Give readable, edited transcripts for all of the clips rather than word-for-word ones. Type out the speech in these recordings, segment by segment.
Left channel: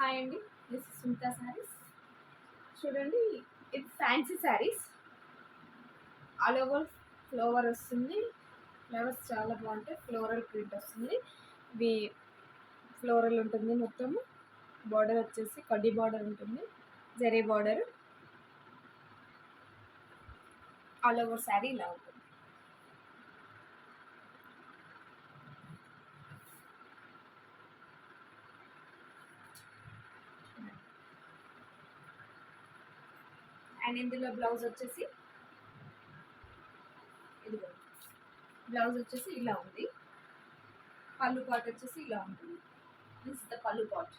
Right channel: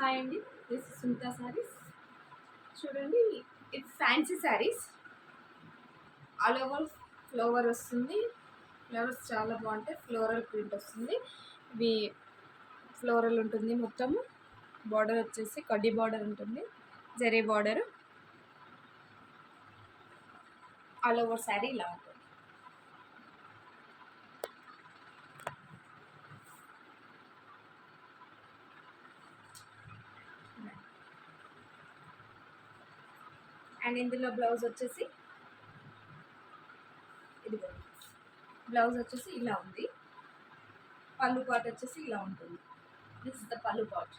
హాయ్ అండి, this is Sunitha శారీస్. చూడండి, ఇది ఫ్యాన్సీ శారీస్. ఆల్ ఓవర్ ఫ్లవర్ వస్తుంది. ఫ్లవర్స్ చాలా బాగుంటాయి. ఫ్లోరల్ ప్రింట్ వస్తుంది. ఇవి ఫ్లోరల్ ఉంటుంది మొత్తము. బార్డర్ వచ్చేసి కడ్డీ బార్డర్ ఉంటుంది, zari border. All over sari ఇలా ఉంటుంది. అండ్ ఇందులో బ్లౌజ్ వచ్చేసి ఇది బ్లౌజ్ వచ్చేసి ఇలా ఉంది. పళ్ళు పాట్ వచ్చేసి ఇలా ఉంటుంది. దిస్ ఇస్ ద పళ్ళు pot.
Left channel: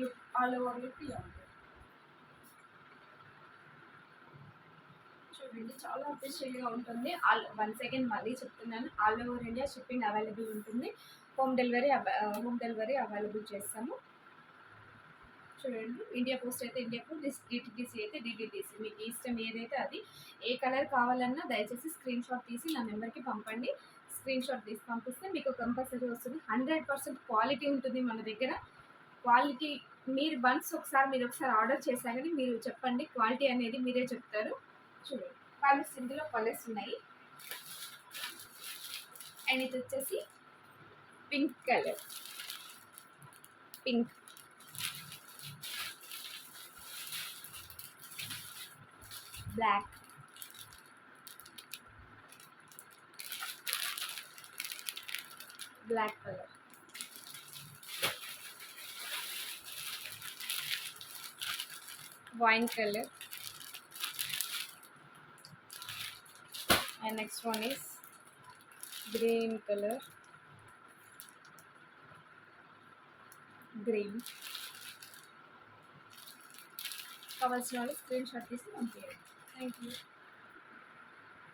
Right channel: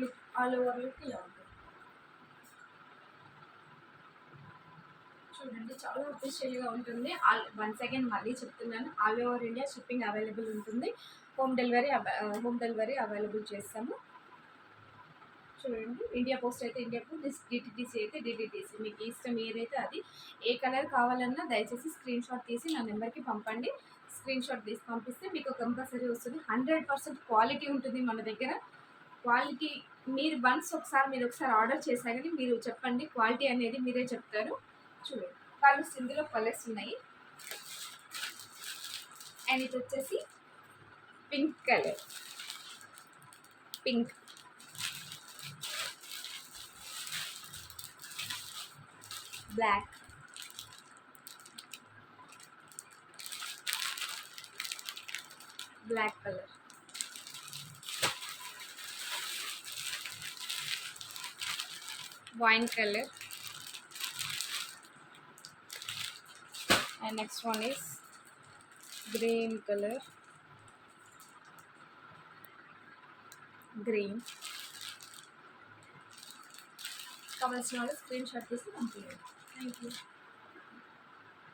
Look all over look ఇలా ఉంటుంది. చూడండి, చాలా అఫీషియల్గా ఉంటుంది. వన్ సెకండ్ మళ్ళీ చెప్తున్నాను, all over India shipping available ఉంటుంది. హోమ్ డెలివరీ అవైలబుల్ చేస్తాము. చూడండి, ఇండియా పోస్ట్ అయితే ఇండియా పోస్ట్, డిటిడిసి అయితే డిటిడిసి. మీకు ఇష్టం ఏదైతే అది. ఏ కలర్ కావాలన్నా దయచేసి స్క్రీన్ షాట్ తీసి నా నెంబర్కి పంపండి. స్క్రీన్ షాట్ తీసి పంపిస్తే మీకు కంపల్సరీ వస్తుంది. 100% క్వాలిటీ ఉంటుంది మన దగ్గర. క్వాలిటీ మీరు ఒకసారి ఆర్డర్ చేసా కానీ మీరు చెప్పండి, క్వాలిటీ అనేది మీరే చెప్తారు. చూడండి, కలర్స్ ఇందులో కలర్స్ ఉన్నాయి. అండ్ ఇది వచ్చేసి pink colour, pink, black, black colour, wine colour, and next one is green color, green. కావాల్సిన వాళ్ళు స్క్రీన్ షాట్ తీసి పంపించండి. Thank you.